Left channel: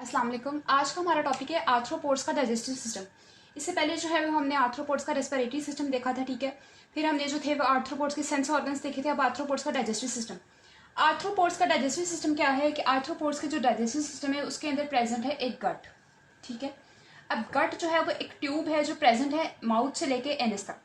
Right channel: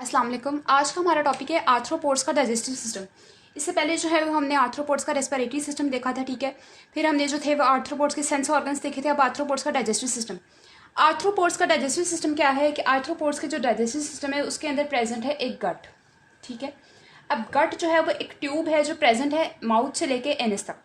अस्सलाम वालेकुम। आज का हमारा टॉपिक है आर्थ्रोपोड्स का डाइजेस्टिव सिस्टम। इससे पहले जो है हमने आर्थ्रोपोड्स का रेस्पिरेटरी सिस्टम देखा था, ठीक है। फिर हमने जो थे वो आर्थ्रोपोड्स के सेंस ऑर्गन्स देखे थे। अब आर्थ्रोपोड्स का डाइजेस्टिव सिस्टम। आर्थ्रोपोड्स का डाइजेस्टिव सिस्टम क्या है कि आर्थ्रोपोड्स के जो डाइजेस्टिव सिस्टम है उसके अंदर प्रेजेंट है एक गट, ठीक है। अब गट जो है वो एक ट्यूब है जो प्रेजेंट है माउथ से लेके एनस तक,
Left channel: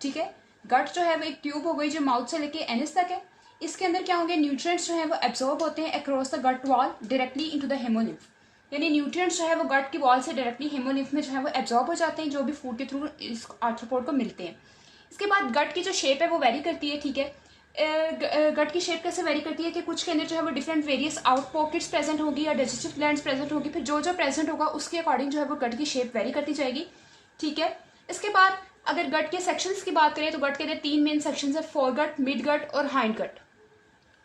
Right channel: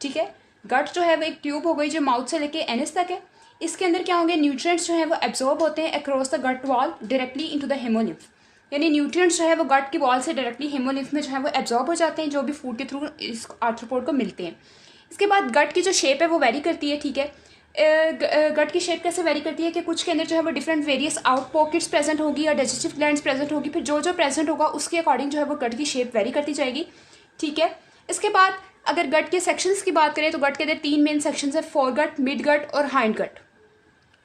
ठीक है। गट जो है वो एक ट्यूब हो गई जो माउथ से लेके एनस तक है। इसके अंदर क्या होंगे, न्यूट्रिएंट्स जो है वो एब्जॉर्ब होते हैं across the gut wall directly into the haemolymph. यानी न्यूट्रिएंट्स जो है वो गट की वॉल से डायरेक्टली हेमोलिम्फ में जो है वो एब्जॉर्ब हो जाते हैं, जो भी फूड के थ्रू इस आर्थ्रोपोड को मिलते हैं। इसके बाद गट की जो शेप है वो वेरी करती है, ठीक है। गट की शेप कैसे वेरी करती है कि कुछ के अंदर जो है वो different various out pockets present होगी या डाइजेस्टिव ग्लैंड्स प्रेजेंट होगी। फिर जो जो प्रेजेंट होगा उसके अकॉर्डिंग जो है वो गट की शेप वेरी करती जाएगी, ठीक है। इसके बाद अगर गट के सेक्शंस की बात करें तो गट के अंदर 3 मेन सेक्शंस है, फोर गट, मिड गट और हाइंड गट,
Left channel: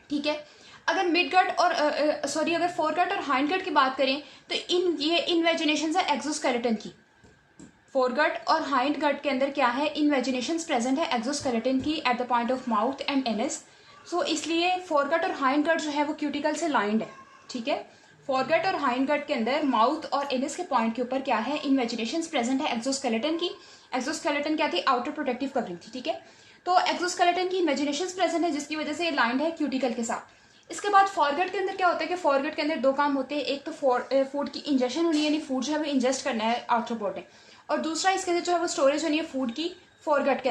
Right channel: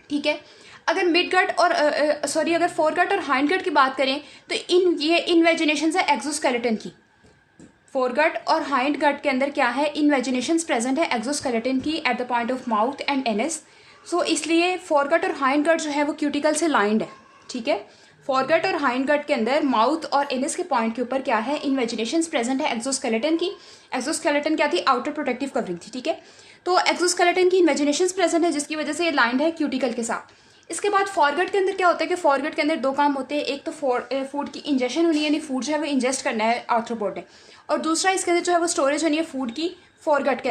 ठीक है। अगर मिड गट और अगर फोर गट और हाइंड गट की बात करें तो ये इन्वेजिनेशन है एक्सोस्केलेटन की। फोरगट और हाइंड गट के अंदर क्या है, इन्वेजिनेशन प्रेजेंट है एक्सोस्केलेटन की at the point of mouth and anus. So इसलिए फोरगट और हाइंड गट जो है वो क्यूटिकल से लाइंड है, ठीक है। फोरगट और हाइंड गट के अंदर माउथ और एनस के पॉइंट के ऊपर क्या है, इन्वेजिनेशन प्रेजेंट है एक्सोस्केलेटन की। एक्सोस्केलेटन क्या थी, आउटर प्रोटेक्टिव कवरिंग थी, ठीक है। तो एक्सोस्केलेटन की इन्वेजिनेशन प्रेजेंट है जिसकी वजह से ये लाइंड है क्यूटिकल के साथ। इसके बाद फॉरगट के अंदर क्या होता है कि फॉरगट के अंदर दो काम होते हैं, एक तो फूड की इंजेक्शन होनी है, यानी फूड जो है वो इंजेस्ट करना है आर्थ्रोपोड ने, और दूसरा इसके अंदर जो है वो स्टोरेज होनी है फूड की। फॉरगट के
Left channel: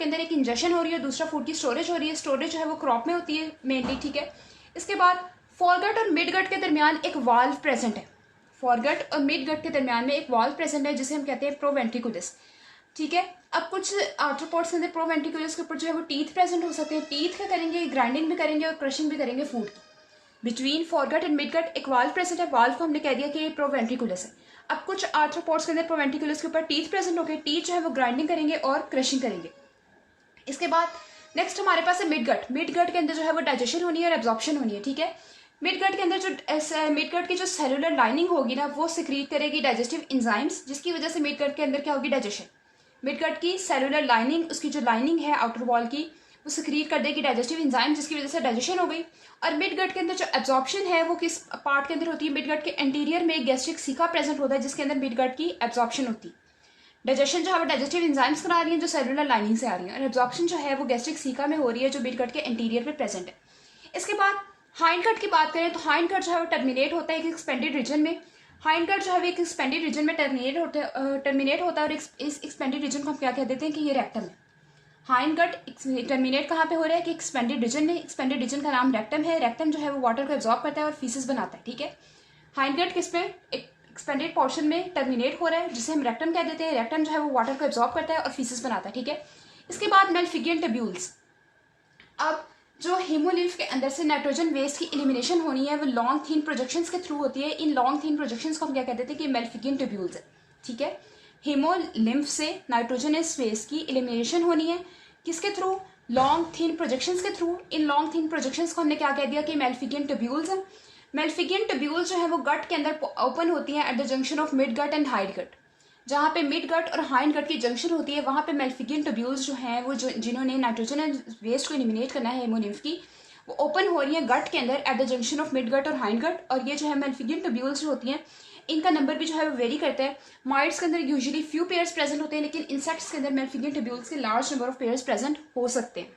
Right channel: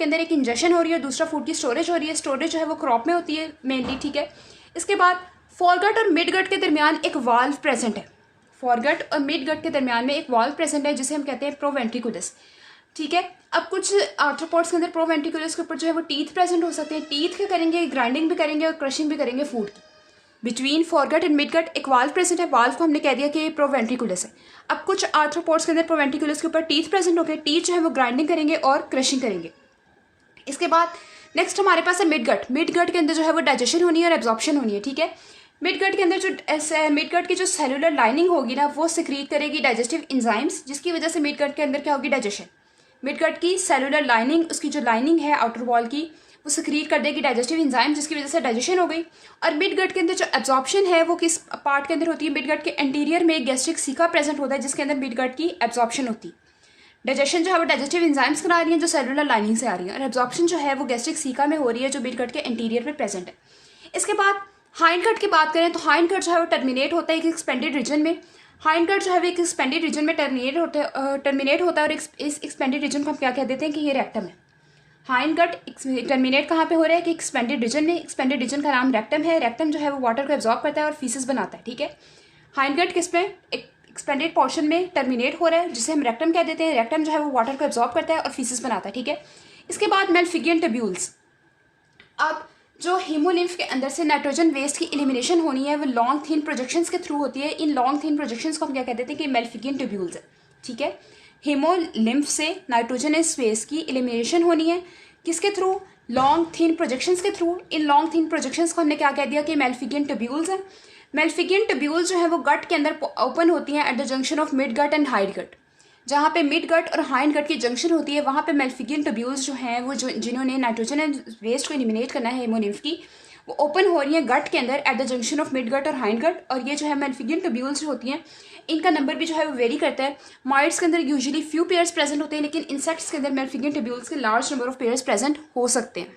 अंदर एक इंजेक्शन हो रही है, दूसरा फूड की स्टोरेज हो रही है। स्टोरेज जो है वो क्रॉप में होती है मेनली, ठीक है। इसके बाद फॉरगट और मिड गट के दरमियान एक वाल्व प्रेजेंट है। फॉरगट और मिड गट के दरमियान में एक वाल्व प्रेजेंट है जिसे हम कहते हैं प्रोवेंट्रिकुलस, ठीक है। अब कुछ आर्थ्रोपोड्स के अंदर प्रोवेंट्रिकुलस के ऊपर जो है वो टीथ प्रेजेंट हो सकते हैं। टीथ क्या करेंगे, ग्राइंडिंग भी करेंगे और क्रशिंग भी करेंगे फूड की। बिटवीन फॉरगट एंड मिडगट एक वाल्व प्रेजेंट है, वाल्व को हमने कह दिया कि प्रोवेंट्रिकुलस है। अब कुछ आर्थ्रोपोड्स के अंदर प्रोवेंट्रिकुलस के ऊपर टीथ प्रेजेंट हो गए, टीथ जो है वो ग्राइंडिंग करेंगे और क्रशिंग करेंगे। इसके बाद नेक्स्ट हमारे पास है मिडगट। मिडगट के अंदर जो है वो डाइजेशन होनी है और एब्जॉर्प्शन होनी है, ठीक है। मिडगट के अंदर जो मिडगट की जो सेलुलर लाइनिंग होगी ना वो सिक्रीट करेगी डाइजेस्टिव एंजाइम्स, जिसकी वजह से मिडगट के अंदर क्या होगी, डाइजेशन। मिडगट की सेलुलर लाइनिंग, उसकी जो लाइनिंग है आउटर वॉल की, वो सिक्रीट कर देगी डाइजेस्टिव एंजाइम, जिसकी वजह से डाइजेशन हो गई। और मिडगट के अंदर जो एब्जॉर्प्शन है वो किस पार्ट के अंदर होती है, मिडगट के एंटीरियर में गैस्ट्रिक सीका प्रेजेंट होता है जिसके अंदर मिडगट की एब्जॉर्प्शन होती है। डाइजेशन जो है वो डाइजेस्टिव एंजाइम्स करा रही है जो सेलुलर लाइनिंग से आ रही है, और एब्जॉर्प्शन जो है वो गैस्ट्रिक सीका में हो रही है जो मिडगट के एंटीरियर में प्रेजेंट है। इसके बाद हाइंड गट की बात करें तो हाइंड गट जो है वो टर्मिनेट होता है एक एक्सपेंडेड रीजन में। हाइंड गट जो है वो एक एक्सपेंडेड रीजन में टर्मिनेट होता है और इस एक्सपेंडेड रीजन को हम क्या कह देते हैं कि ये रेक्टम है। हाइंड गट टर्मिनेट कहाँ पे हो रहा है कि एक्सपेंडेड रीजन में। एक्सपेंडेड रीजन का नाम रेक्टम है। रेक्टम जो है वो वाटर को एब्जॉर्ब करता है और फीसेस बनाता है, ठीक है। हाइंड गट किस पे, एक्सपेंडेड पोर्शन में टर्मिनेट हो रहा है जिसे हम रेक्टम कह देते हैं। रेक्टम जो है वो वाटर को एब्जॉर्ब करता है और फीसेस बनाता है, ठीक है। इसके बाद मेल्फिगियन ट्यूब्यूल्स। अब जो हीमोलिम्फ के अंदर से नाइट्रोजन वेस्ट की एलिमिनेशन होनी है वो लॉन्ग थीन प्रोजेक्शंस के थ्रू होती है। इन लॉन्ग थीन प्रोजेक्शंस को हम क्या कहते हैं कि मेल्फिगियन ट्यूब्यूल्स है, ठीक है। हीमोलिम्फ से नाइट्रोजनस वेस्ट की एलिमिनेशन होनी है किसके थ्रू, लॉन्ग थीन प्रोजेक्शंस के थ्रू। इन लॉन्ग थीन प्रोजेक्शंस को हमने क्या कह दिया कि मेल्फिगियन ट्यूब्यूल्स है। मेल्फिगियन ट्यूब्यूल्स जो है वो गट के अंदर ओपन होती हैं at the junction of mid gut and hind gut. जहाँ पे मिड गट और हाइंड गट की जंक्शन होती है वहाँ पे मेल्फिगियन ट्यूब्यूल्स जो हैं वो जिन्होंने नाइट्रोजन एंड वेस्ट को एलिमिनेट करना है हेमोलिम्फ की, वो ओपन हो रही है गट के अंदर at the junction of mid gut और हाइंड गट। और ये जो है मेल्फिगियन ट्यूब्यूल्स जो होती हैं इनका नंबर भी जो है वो वेरी करता है। माइट्स के अंदर यूजुअली फ्यू पेयर्स प्रेजेंट होते हैं, लेकिन इंसेक्ट्स के अंदर मेल्फिगियन ट्यूब्यूल्स के large number of pairs present हो सकते हैं।